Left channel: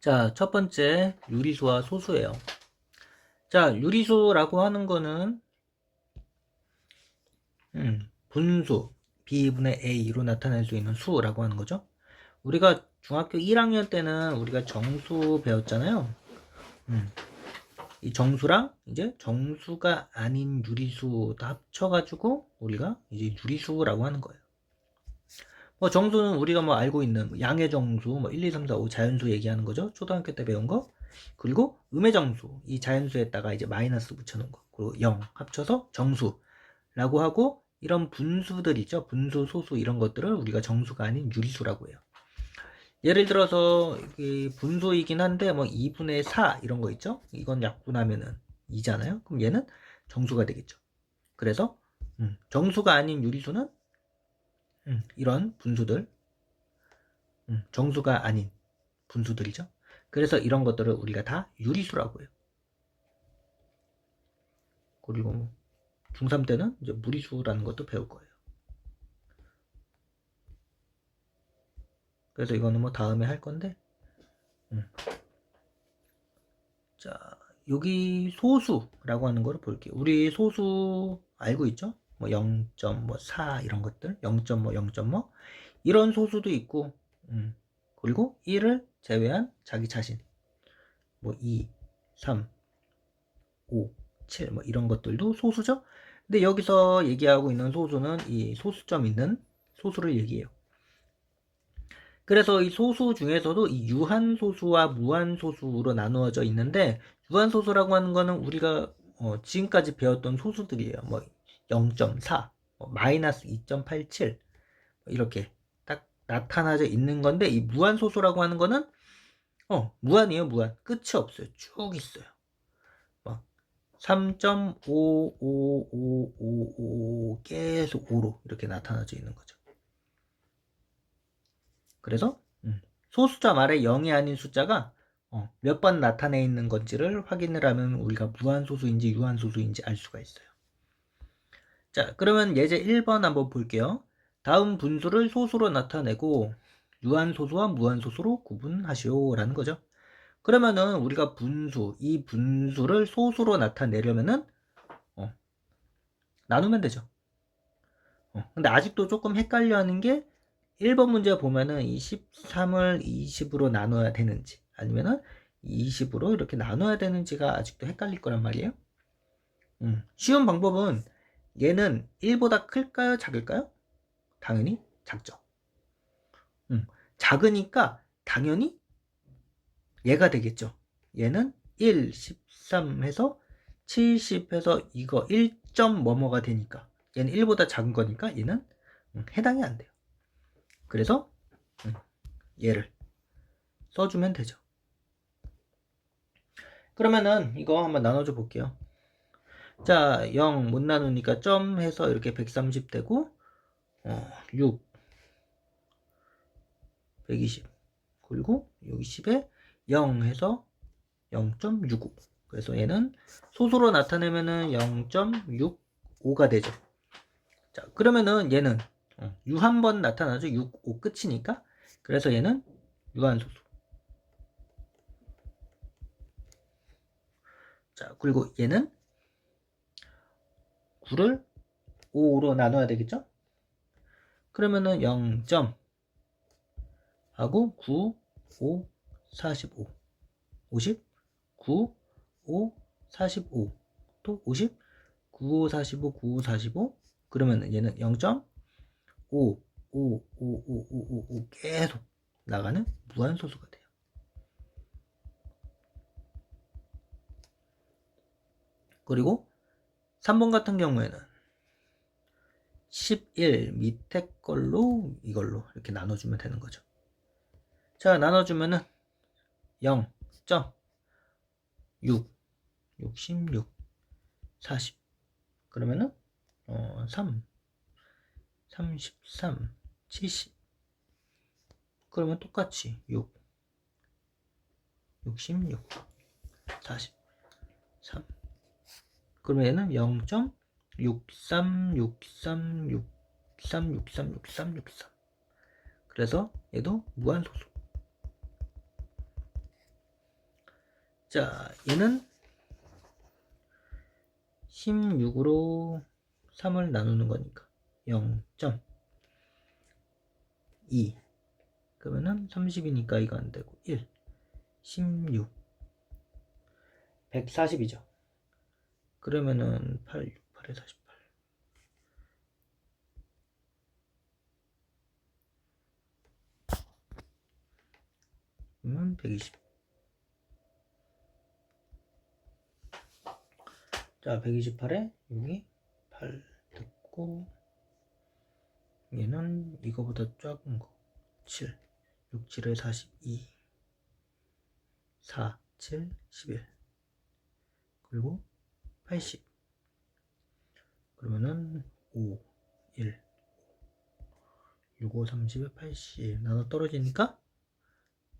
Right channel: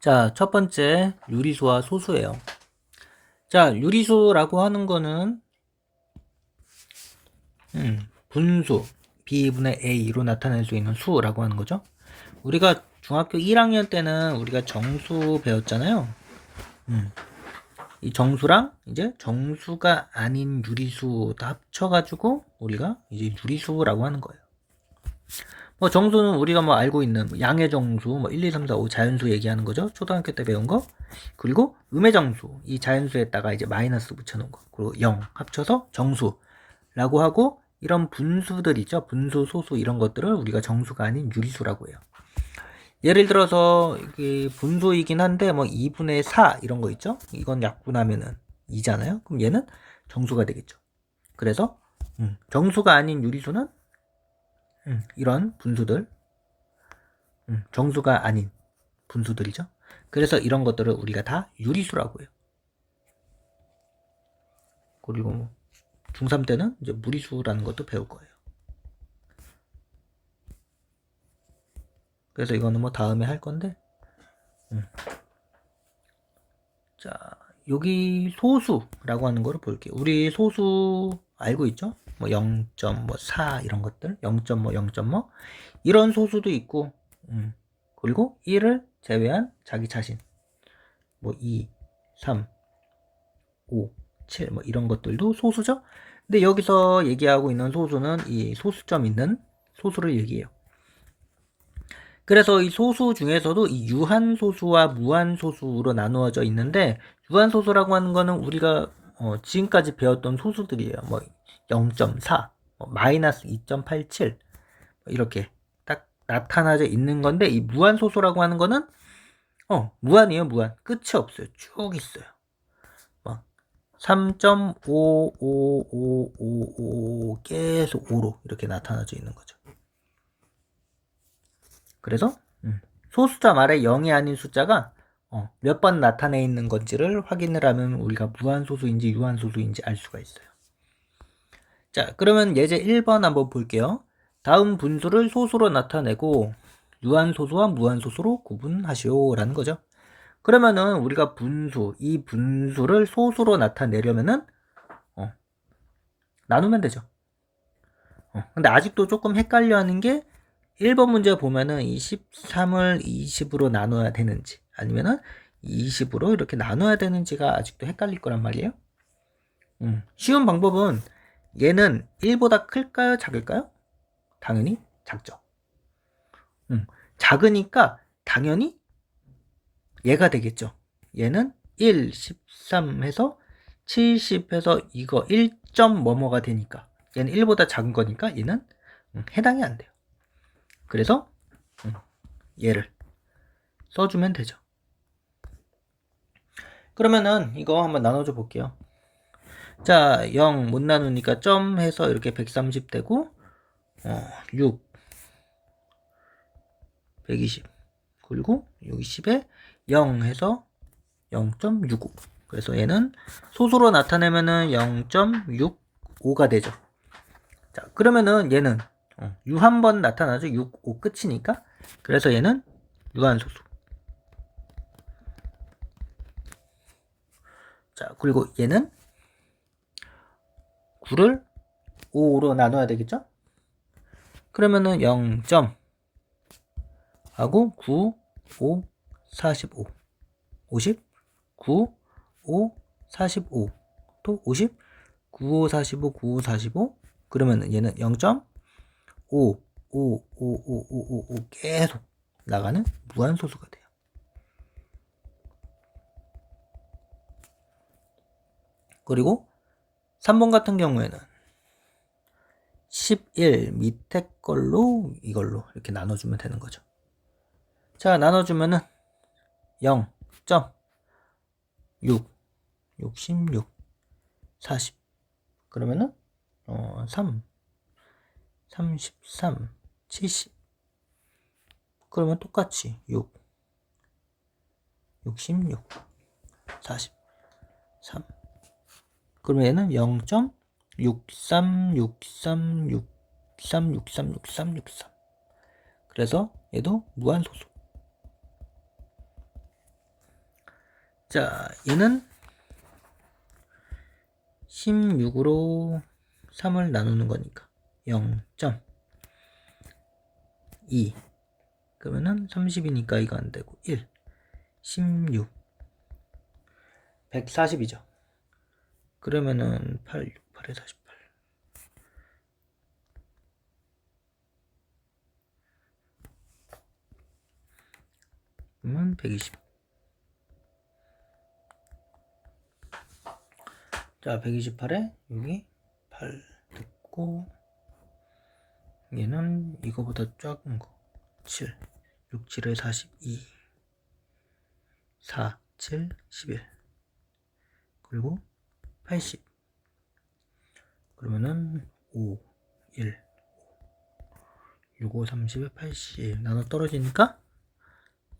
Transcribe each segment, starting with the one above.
자, 첫 번째 유리수와 소수예요. 자, 유리수라고 하는 거는 음, 분수 b분의 a로 나타낼 수 있는 수라고 하는 거죠. 우리가 중학교 1학년 때는 우리가 정수 배웠잖아요. 음, 이 정수랑 이제 정수가 아닌 유리수 다 합쳐가지고 우리가 이제 유리수라고 하는 거예요. 뭐 정수는 우리가 뭐 알고 있는 뭐 양의 정수, 뭐 1, 2, 3, 4, 5 자연수 얘기하는 거죠. 초등학교 때 배운 거. 그리고 음의 정수, 이 자연수에다가 이제 마이너스 붙여놓은 거. 그리고 0 합쳐서 정수라고 하고 이런 분수들 있죠. 분수, 소수 이런 것들을 우리가 정수가 아닌 유리수라고 해요. 예를 들어서 이게 분수이긴 한데 뭐 2분의 4 이런 거 있죠. 이건 약분하면은 2잖아요. 그럼 얘는 정수가 되겠죠. 그래서 음, 정수가 아닌 유리수는 음, 이런 분수들 음, 정수가 아닌 분수들이죠. 그래서 이런 것들을 우리가 다 유리수라고 해요. 그리고 뭐 중3 때는 이제 무리수라는 것도 배울 거예요. 그래서 이거는 뭐 다음에 할 건데. 음. 자, 여기 소수라고 하는 거를 볼게요. 우리 소수 알고 있죠? 뭐 0.4 이런 것들, 0.뭐 0.뭐 이런 소수도 있고, 음. 그리고 1을 제외한 자기 자신, 뭐 2, 3, 5, 7, 뭐 이런 것들도 소수죠. 근데 여기서 얘기하고 있는 소수는 이 소수점 있는 소수를 얘기해요. 그래서 이 소수 중에서도 이 유한 소수와 무한 소수로 나누어져 있는데 유한 소수라고 하는 거는 우리가 어, 지금까지 배웠던 소수들이에요. 뭐 0.4, 뭐 마이너스 2.87 이렇게 딱 나타나져 있는 건데 이 무한 소수라고 하는 거는 어 무한이에요 무한 끝이 없어요 쭉 있어요. 3.55555 계속 5로 이렇게 나타나져 있는 거죠. 그래서 음, 소수점 아래 0이 아닌 숫자가 어, 몇번 나타내 있는 건지를 확인을 하면 우리가 무한소수인지 유한소수인지 알 수가 있어요. 자, 그러면 예제 1번 한번 볼게요. 다음 분수를 소수로 나타내고 유한소수와 무한소수로 구분하시오 라는 거죠. 그러면은 우리가 분수, 이 분수를 소수로 나타내려면은 어, 나누면 되죠. 어, 근데 아직도 조금 헷갈려 하는 게 1번 문제 보면은 이 13을 20으로 나눠야 되는지 아니면은 20으로 이렇게 나눠야 되는지가 아직도 헷갈릴 거란 말이에요. 음, 쉬운 방법은 얘는 1보다 클까요? 작을까요? 당연히 작죠. 음, 작으니까 당연히 얘가 되겠죠. 얘는 1, 13 해서 70 해서 이거 1점 뭐뭐가 되니까 얘는 1보다 작은 거니까 얘는 음, 해당이 안 돼요. 그래서 음, 얘를 써주면 되죠. 그러면은 이거 한번 나눠줘 볼게요. 자, 0 못 나누니까 점 해서 이렇게 130 되고 어, 6 120 그리고 60에 0 해서 0.65 그래서 얘는 소수로 나타내면은 0.65가 되죠. 자, 그러면은 얘는 어, 유한 번 나타나죠. 6, 5 끝이니까. 그래서 얘는 유한소수. 자, 그리고 얘는 9를 5로 나눠야 되겠죠? 그러면은 0점 하고 9, 5, 45 50 9 5 45 또 50 9 5 45 9 5 45 그러면 얘는 0.5 5 5 5 5 5 5 계속 나가는 무한소수가 돼요. 그리고 3번 같은 경우에는 11 밑에 걸로 이걸로 이렇게 나눠주면 되는 거죠. 자, 나눠주면은 0. 6 66 40 그러면은 어, 3 33 70 그러면 똑같이 6 66 40 3 그러면 얘는 0.63 63 63 63 63 63 그래서 얘도 무한소수. 자, 얘는 16으로 3을 나누는 거니까 0.2 그러면은 30이니까 이거 안 되고 1 16 140이죠. 그러면은 8 6 8에 48 그러면 120 자, 128에 여기 8 됐고 얘는 이거보다 작은 거. 7, 6, 7에 42 4, 7, 11 그리고 80 그러면은 5, 1 6, 5, 30에 80 나눠 떨어지니까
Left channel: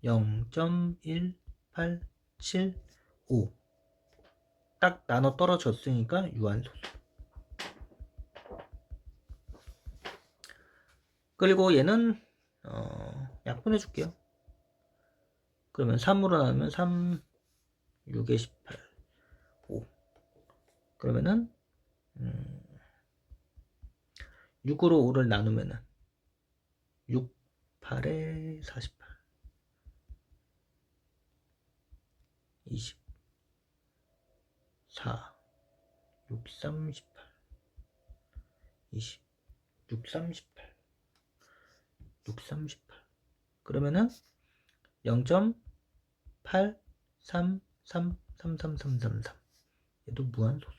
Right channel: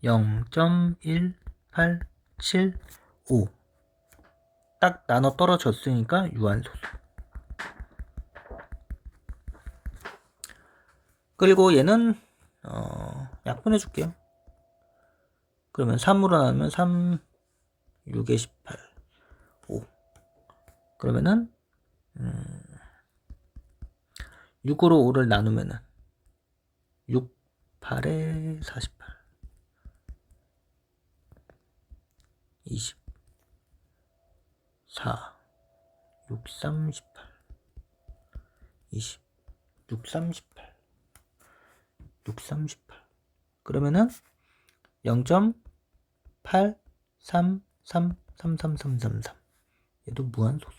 0.1875 딱 나눠 떨어졌으니까 유한소수. 그리고 얘는 어, 약분해 줄게요. 그러면 3으로 나누면 3, 6에 18, 5. 그러면은 음, 6으로 5를 나누면은 6, 8에 48, 20. 4, 6, 38, 20, 6, 38, 6, 38. 그러면은 0.8333333. 얘도 무한소수.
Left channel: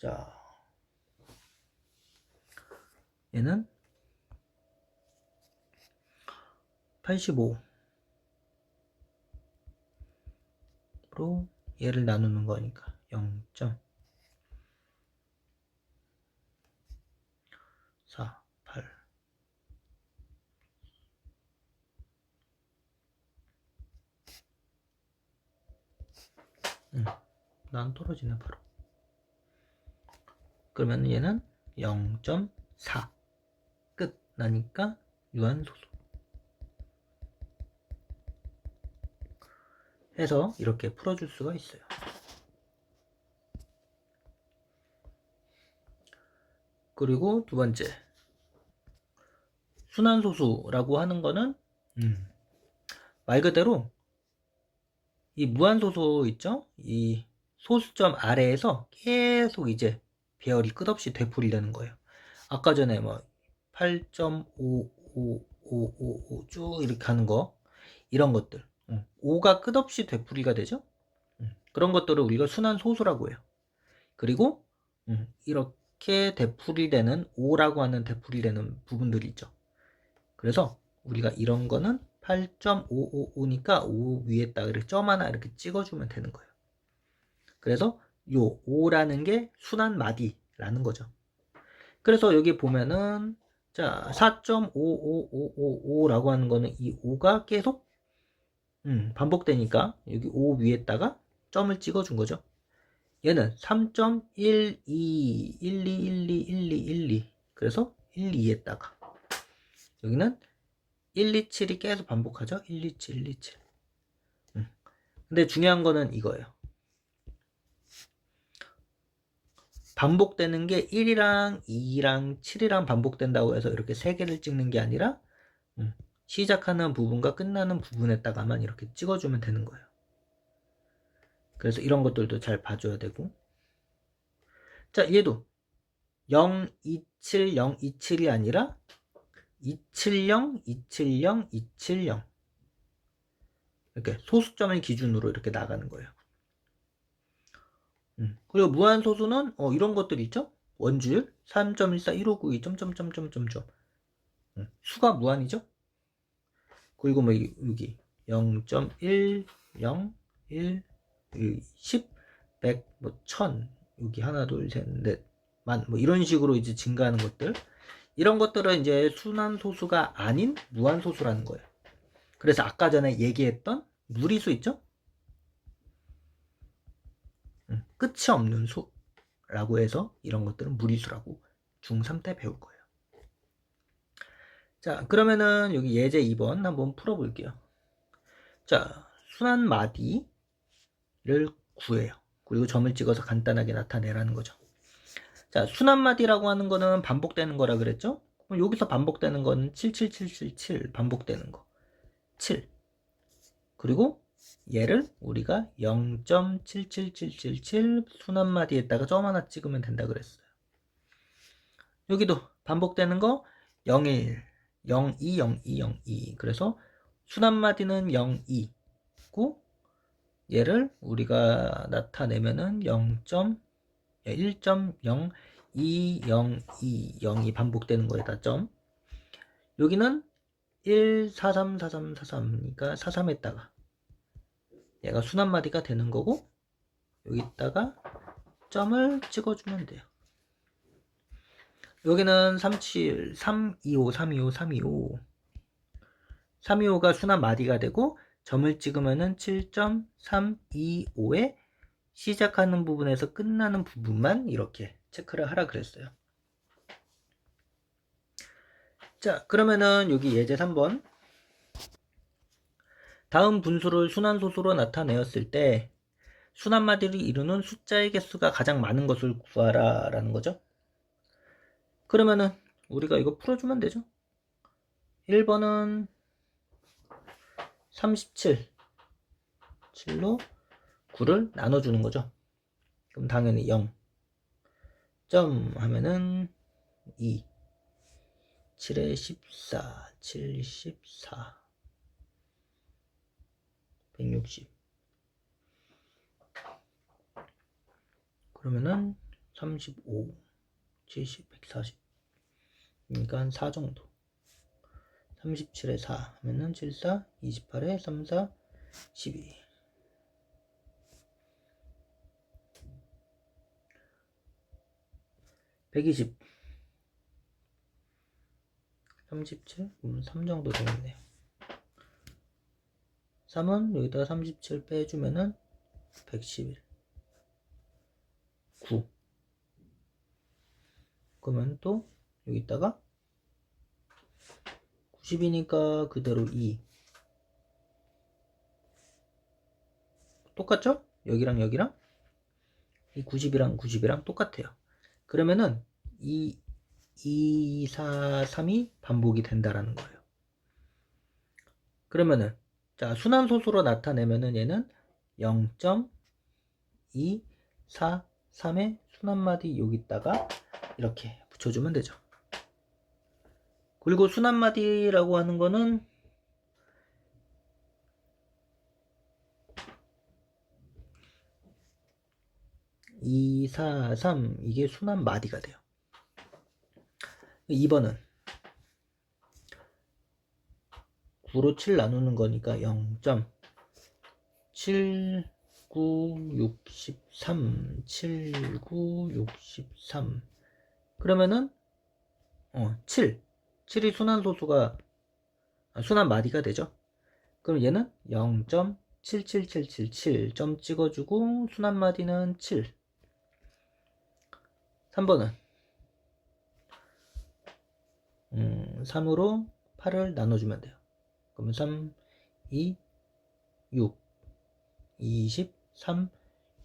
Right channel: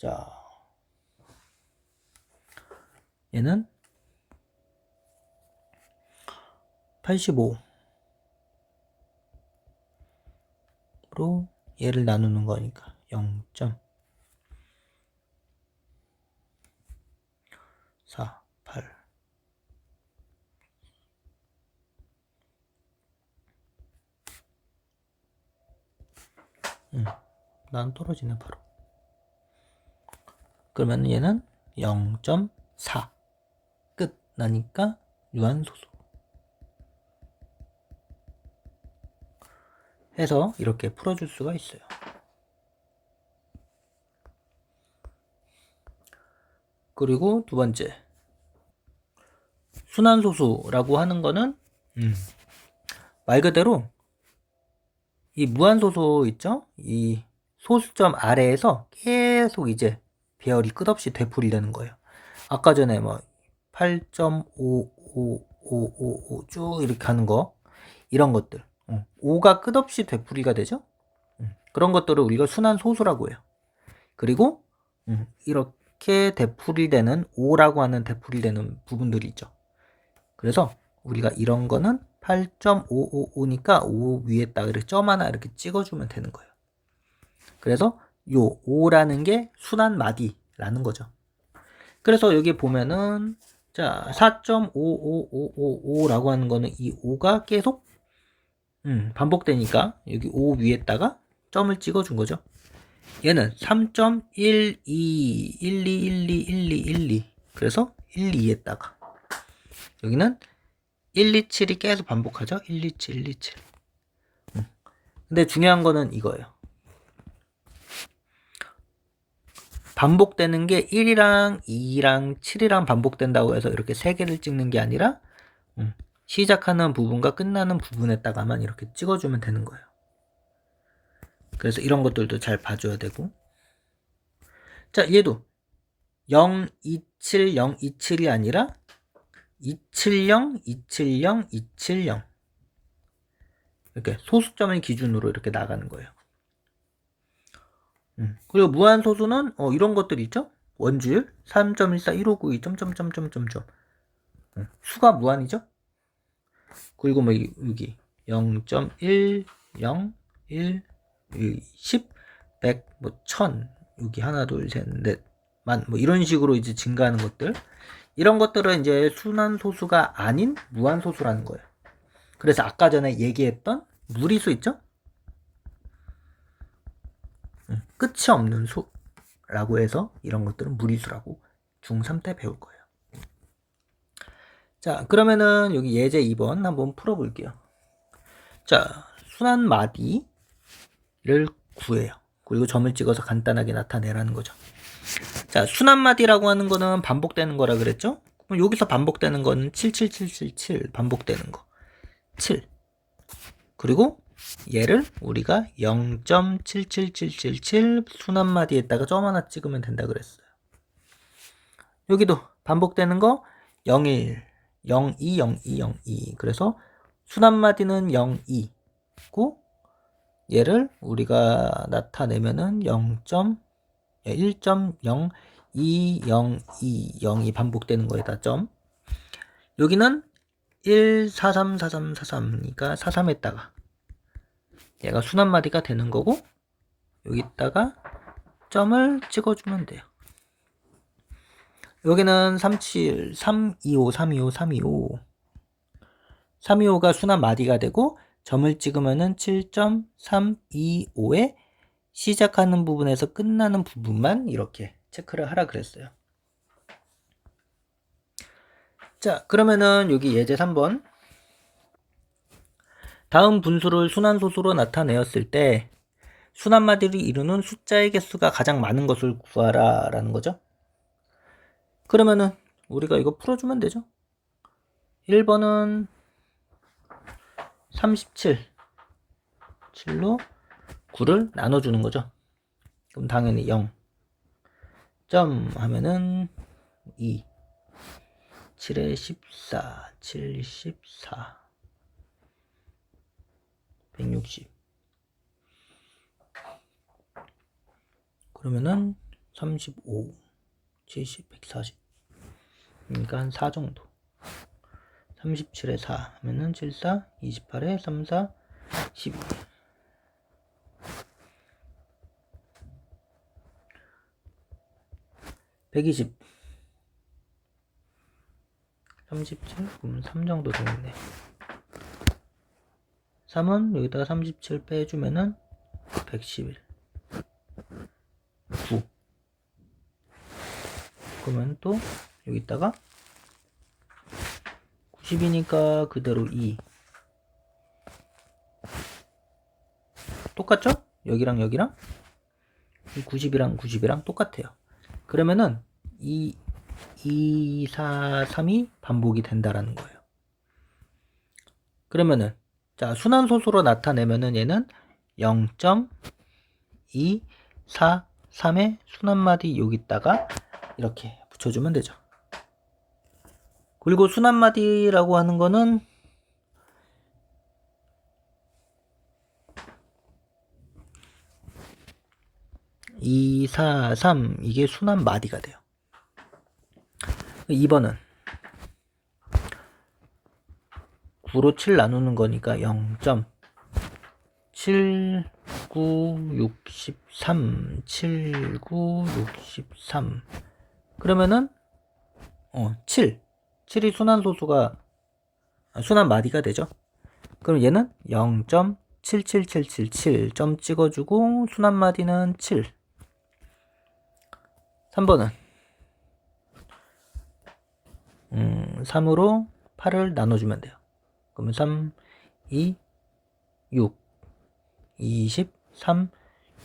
자, 얘는 85. 로 얘를 나누는 거니까 0. 4, 8 음, 난 떨어지네 바로 그러면 얘는 0.4 끝 나니까 유한소수 해서 이렇게 풀어줄 수가 있어요. 그리고 두 번째 순환소수라고 하는 거는 음, 말 그대로 이 무한소수 있죠? 이 소수점 아래에서 계속 이제 배열이 끝없이 되풀이되는 거예요. 아까 전에 뭐 8.55555 쭉 이렇게 하는 거 이런 것들 5가 끝없이 되풀이가 되죠. 음, 그런 것들을 우리가 순환 소수라고 해요. 그리고 음, 이렇게 되풀이되는 5라고 하는 되풀이되는 부분들이 있죠. 그래서 우리가 이런 거는 8.555니까 5 위에다 이렇게 점 하나 이렇게 찍어주면 되는 거예요. 그래서 요 5라는 게 순환 마디라는 거죠. 그래서 여기 보면은 자 4.55555라고 하는 거는 이 5가 계속 음, 반복되니까 여기 5 위에다가 점을 찍어 준 거죠. 얘는 3.12, 12, 12, 12, 12. 그래서 1, 2에다가 여기는 1, 2, 7이 계속 반복하죠. 1, 2, 7, 1, 2, 7. 음. 근데 중요한 거는 이거예요. 반복되는 게 1이랑 2랑 7이랑 반복된다고 해서 이렇게 세 개를 찍는 게 아니라 음, 시작하는 부분과 끝나는 부분에다가만 이렇게 찍어주면 되는 거예요. 그래서 이런 것들도 잘 봐줘야 되고. 자, 얘도 0, 2, 7, 0, 2, 7이 아니라 270, 270, 270. 이렇게 소수점을 기준으로 이렇게 나가는 거예요. 음. 그리고 무한 소수는 어, 이런 것들 있죠? 원주율 3.14, 1592, 점점점점점점. 음. 수가 무한이죠? 그리고 뭐 여기 0.1, 0, 1, 10, 100, 뭐 1000, 여기 하나, 둘, 셋, 넷, 만, 뭐 이런 식으로 이제 증가하는 것들. 이런 것들은 이제 순환 소수가 아닌 무한 소수라는 거예요. 그래서 아까 전에 얘기했던 무리수 있죠? 끝이 없는 수라고 해서 이런 것들은 무리수라고 중3 때 배울 거예요. 자, 그러면은 여기 예제 2번 한번 풀어볼게요. 자, 순한 마디를 구해요. 그리고 점을 찍어서 간단하게 나타내라는 거죠. 자, 순한 마디라고 하는 거는 반복되는 거라 그랬죠? 그럼 여기서 반복되는 거는 77777 반복되는 거. 7. 그리고 얘를 우리가 0.77777 순한 마디에다가 점 하나 찍으면 된다 그랬어요. 여기도 반복되는 거 01, 02, 02, 02. 그래서 순한 마디는 02고 얘를 우리가 나타내면은 0. 1.02020이 반복되는 거에다 점. 여기는 1434343이니까 43에다가 얘가 순한 마디가 되는 거고 여기다가 점을 찍어주면 돼요. 여기는 37, 325, 325, 325. 325가 순한 마디가 되고 점을 찍으면은 7.325에 시작하는 부분에서 끝나는 부분만 이렇게 체크를 하라 그랬어요. 자, 그러면은 여기 예제 3번. 다음 분수를 순환소수로 나타내었을 때 순환마디를 이루는 숫자의 개수가 가장 많은 것을 구하라 라는 거죠. 그러면은 우리가 이거 풀어주면 되죠. 1번은 37 7로 9를 나눠주는 거죠. 그럼 당연히 0. 점 하면은 2. 7에 14. 7, 14. 160. 그러면은 35. 70, 140. 그러니까 4 정도. 37에 4 하면은 74, 28에 3, 4, 12. 120 37 그러면 3 정도 되겠네 3은 여기다가 37 빼주면은 111 9 그러면 또 여기다가 90이니까 그대로 2 똑같죠? 여기랑 여기랑? 90이랑 90이랑 똑같아요. 그러면은 이 2, 4, 3이 반복이 된다라는 거예요. 그러면은 자 순환 소수로 나타내면은 얘는 0.2, 4, 3의 순환마디 여기다가 이렇게 붙여주면 되죠. 그리고 순환마디라고 하는 거는 2, 4, 3 이게 순환 마디가 돼요. 2번은 9로 7 나누는 거니까 0. 7, 9, 63, 7, 9, 63. 그러면은 어, 7. 7이 순환 소수가 아, 순환 마디가 되죠. 그럼 얘는 0.77777 점 찍어주고 순환 마디는 7. 3번은 음, 3으로 8을 나눠주면 돼요. 그러면 3, 2, 6, 23,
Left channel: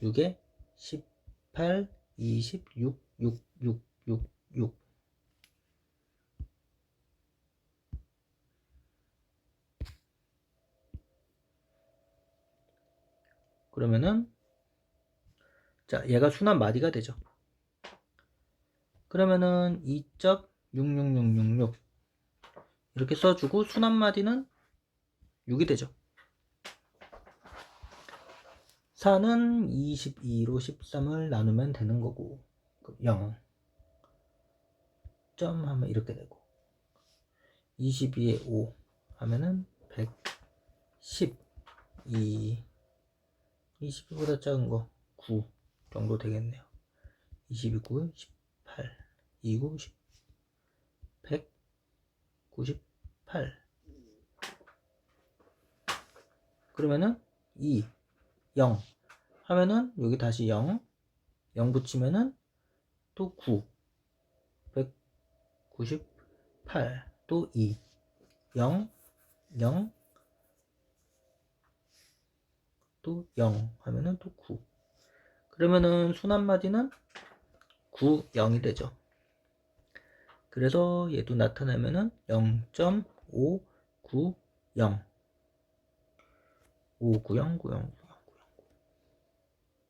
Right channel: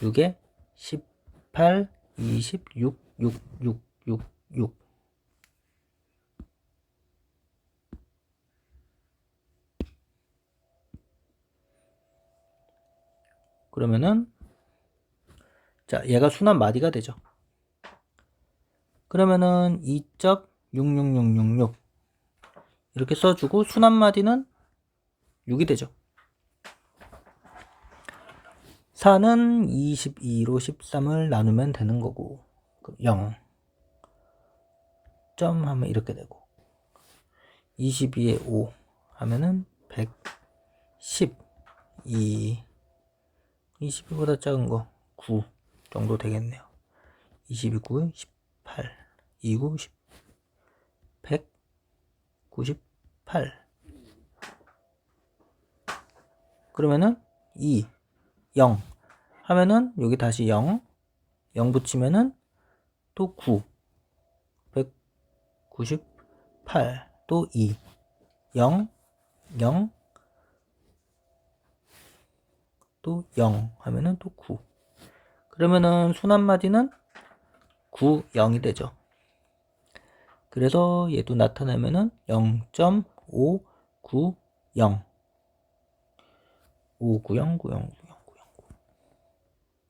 6에 18, 26, 6, 6, 6, 6. 그러면은 자 얘가 순환 마디가 되죠. 그러면은 2.66666 이렇게 써주고 순환 마디는 6이 되죠. 4는 22로 13을 나누면 되는 거고 0 점 하면 이렇게 되고 22에 5 하면은 110 2 22보다 작은 거 9 정도 되겠네요. 22, 9, 18 290 198 그러면은 2 0 하면은 여기 다시 0 0 붙이면은 또 9 198 또 2, 0, 0, 또 0 하면은 또 9. 그러면은 순환마디는 9, 0이 되죠. 그래서 얘도 나타나면은 0.590 590 90 90 90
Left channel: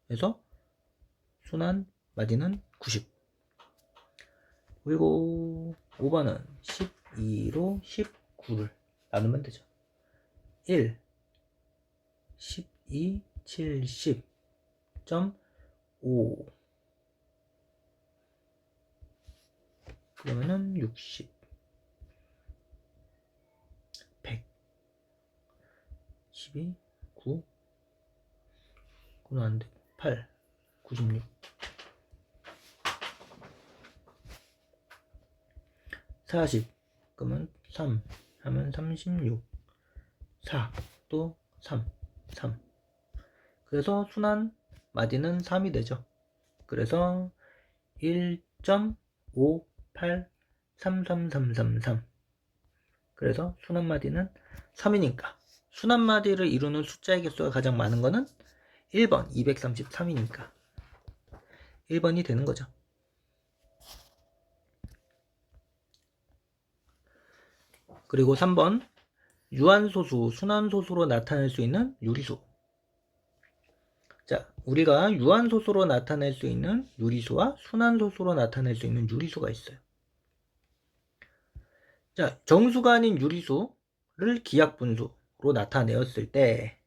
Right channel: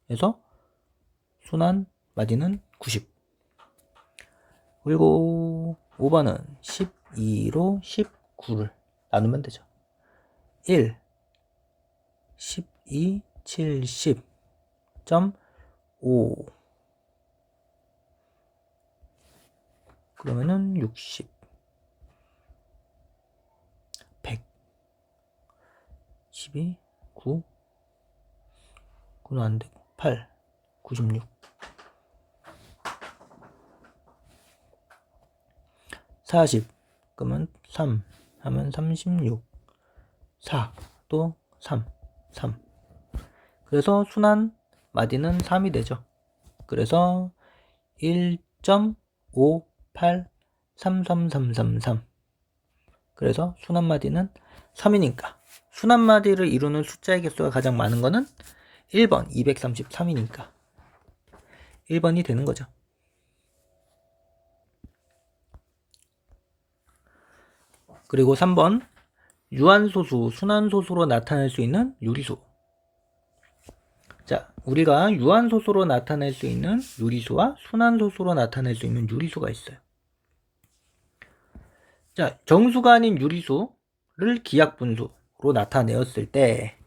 그래서 순환 마디는 90 그리고 5번은 12로 19를 나누면 되죠. 1 12 70.5 그러면은 60 100 12 9 9는 안 되고 8 96 40 그러면 3 하면 36 4 또 3 3 그래서 순환 마디는 3이 되죠. 그래서 1.5833333 그래서 순환 마디는 3이니까 순환 마디를 이루는 숫자의 개수가 가장 많은 거는 1번 233이니까 1번이 되는 거죠. 그리고 3번 유한소수, 순환소수로 나타낼 수 있는 유리수. 자, 우리가 유한소수로 나타낼 수 있는 유리수와 순환소수로 나타낼 수 있는 유리수가 있어요. 자, 정수가 아닌 유리수를 기하분수로 나타내었을 때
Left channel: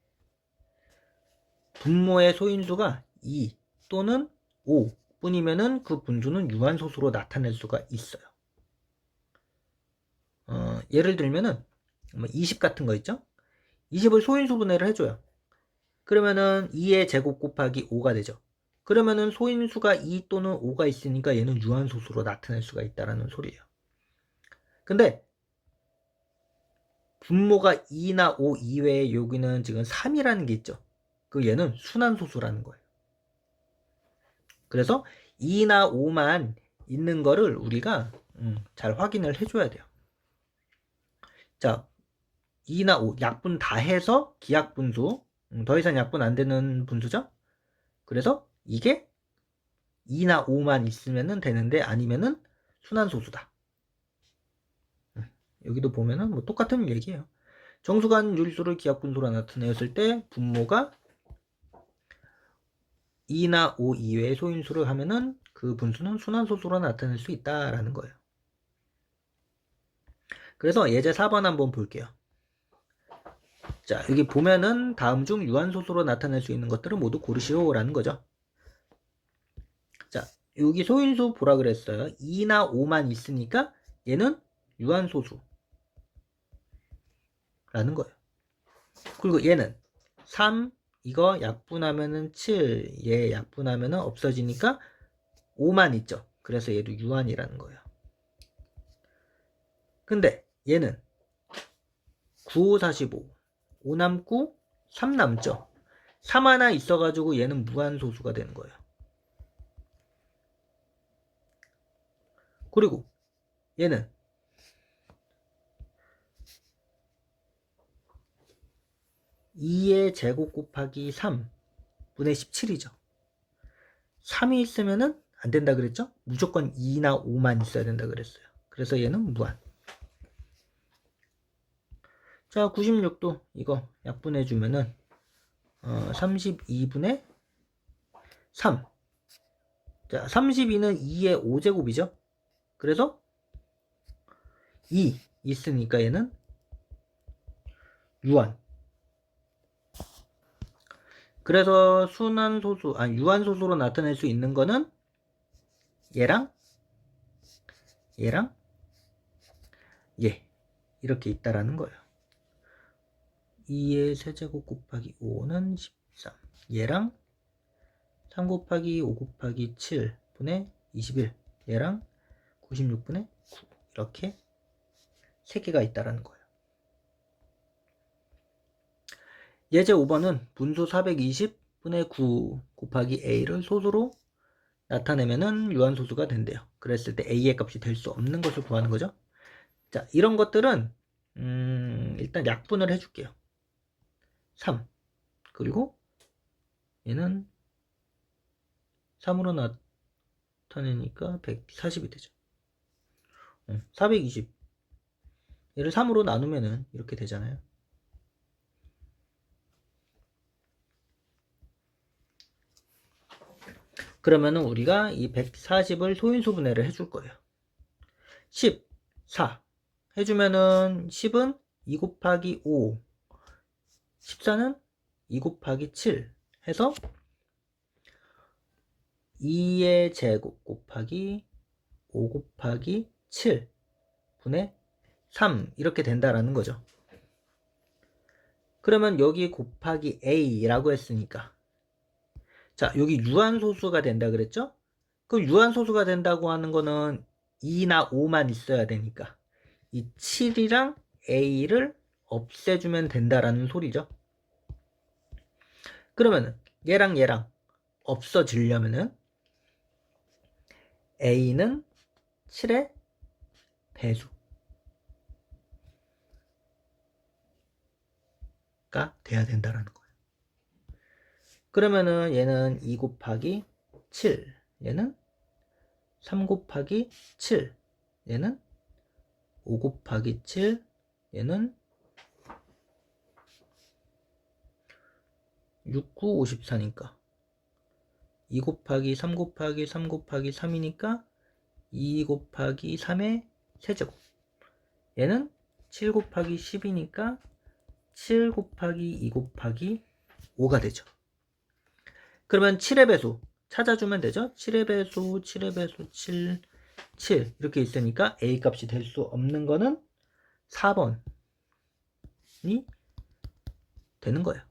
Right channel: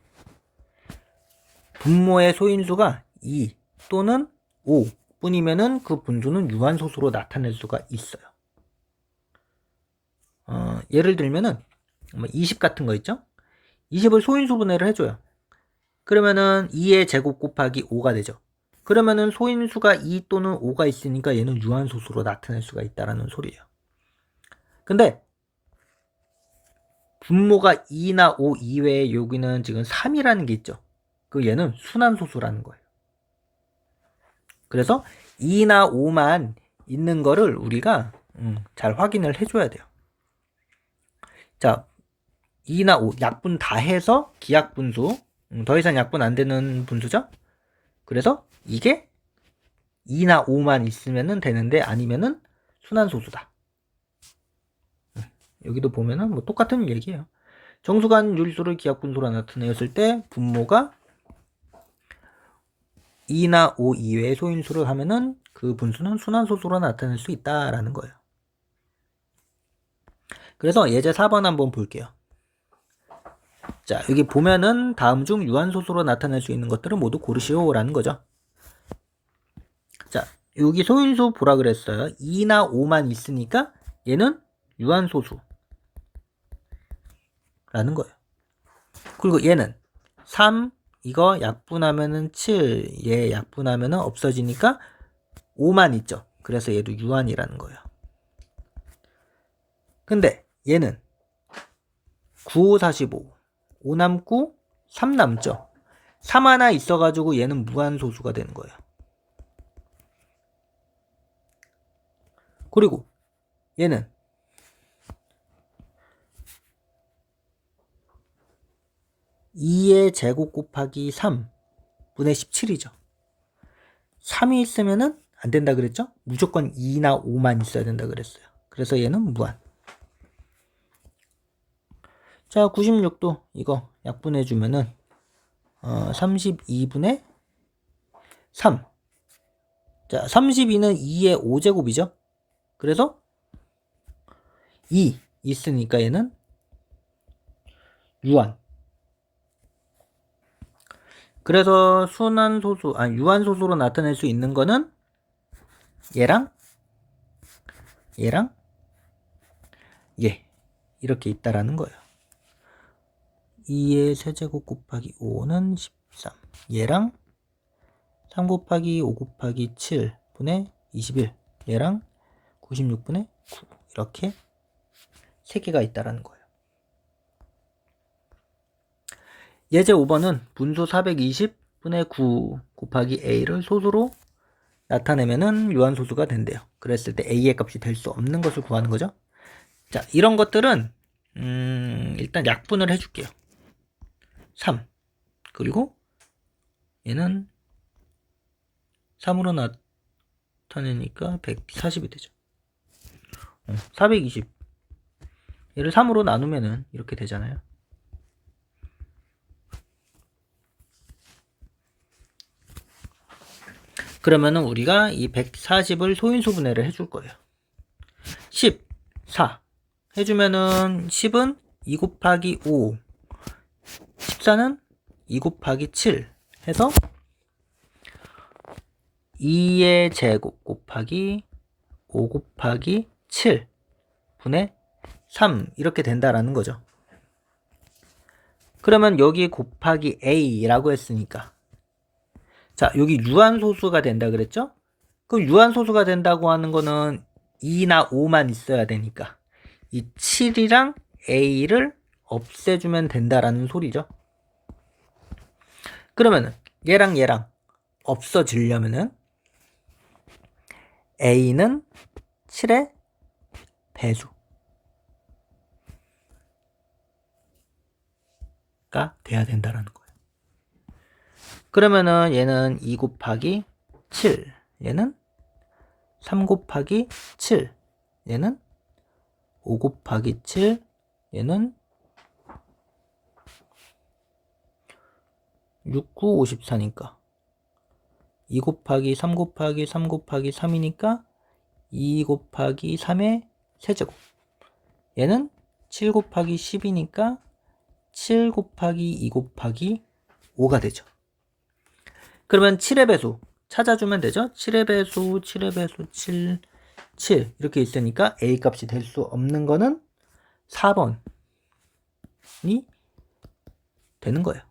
분모의 소인수가 2 또는 5 뿐이면은 그 분수는 유한소수로 나타낼 수가 있어요. 어, 예를 들면은 20뭐 같은 거 있죠? 20을 소인수 분해를 해줘요. 그러면은 2의 제곱 곱하기 5가 되죠. 그러면은 소인수가 2 또는 5가 있으니까 얘는 유한소수로 나타낼 수가 있다라는 소리예요. 근데 분모가 2나 5 이외에 여기는 지금 3이라는 게 있죠. 그 얘는 순환소수라는 거예요. 그래서 2나 5만 있는 거를 우리가 음, 잘 확인을 해줘야 돼요. 자, 2나 5 약분 다 해서 기약분수 음, 더 이상 약분 안 되는 분수죠. 그래서 이게 2나 5만 있으면 되는데 아니면은 순환소수다. 음, 여기도 보면은 뭐 똑같은 얘기예요. 정수간 유리수를 기하분수로 나타내었을 때 분모가 2나 5 이외의 소인수를 하면은 그 분수는 순환소수로 나타낼 수 있다라는 거예요. 그래서 예제 4번 한번 볼게요. 자, 여기 보면은 다음 중 유한소수로 나타낼 수 있는 것들을 모두 고르시오라는 거죠. 자, 여기 소인수 보라 그랬어요. 2나 5만 있으니까 얘는 유한소수. 라는 거예요. 그리고 얘는 3, 이거 약분하면은 7, 얘 약분하면은 없어지니까 5만 있죠. 그래서 얘도 유한이라는 거예요. 근데 얘는 9, 5, 45, 5 남고 3 남죠. 3 하나 있어가지고 얘는 무한소수가 되는 거예요. 그리고 얘는 2의 제곱 곱하기 3분의 17이죠. 3이 있으면은 안 된다 그랬죠? 무조건 2나 5만 있어야 된다 그랬어요. 그래서 얘는 무한. 자, 96도 이거 약분해 주면은 어, 32분의 3. 자, 32는 2의 5제곱이죠. 그래서 2 있으니까 얘는 유한. 그래서 순환소수, 아 유한소수로 나타낼 수 있는 거는 얘랑 얘랑 얘 이렇게 있다라는 거예요. 2의 세제곱 곱하기 5는 13 얘랑 3 곱하기 5 곱하기 7분의 21 얘랑 96분의 9 이렇게 세 개가 있다라는 거예요. 예제 5번은 분수 420분의 9 곱하기 a를 소수로 나타내면은 유한소수가 된대요. 그랬을 때 a의 값이 될 수 없는 것을 구하는 거죠. 자, 이런 것들은 음, 일단 약분을 해줄게요. 3 그리고 얘는 3으로 나타내니까 140이 되죠. 어, 420 얘를 3으로 나누면은 이렇게 되잖아요. 그러면은 우리가 이 140을 소인수 분해를 해줄 거예요. 10, 4 해주면은 10은 2 곱하기 5, 14는 2 곱하기 7 해서 2의 제곱 곱하기 5 곱하기 7 분의 3 이렇게 된다라는 거죠. 그러면 여기 곱하기 a라고 했으니까 자 여기 유한소수가 된다 그랬죠? 그 유한소수가 된다고 하는 거는 2나 5만 있어야 되니까 이 7이랑 a를 없애주면 된다라는 소리죠. 그러면은 얘랑 얘랑 없어지려면은 a는 7의 배수가 돼야 된다라는 거예요. 그러면은 얘는 2 곱하기 7, 얘는 3 곱하기 7, 얘는 5 곱하기 7, 얘는 6, 9, 54니까 2 곱하기 3 곱하기 3 곱하기 3이니까 2 곱하기 3의 세제곱 얘는 7 곱하기 10이니까 7 곱하기 2 곱하기 5가 되죠. 그러면 7의 배수 찾아주면 되죠. 7의 배수, 7의 배수, 7, 7 이렇게 있으니까 A 값이 될 수 없는 거는 4번이 되는 거예요.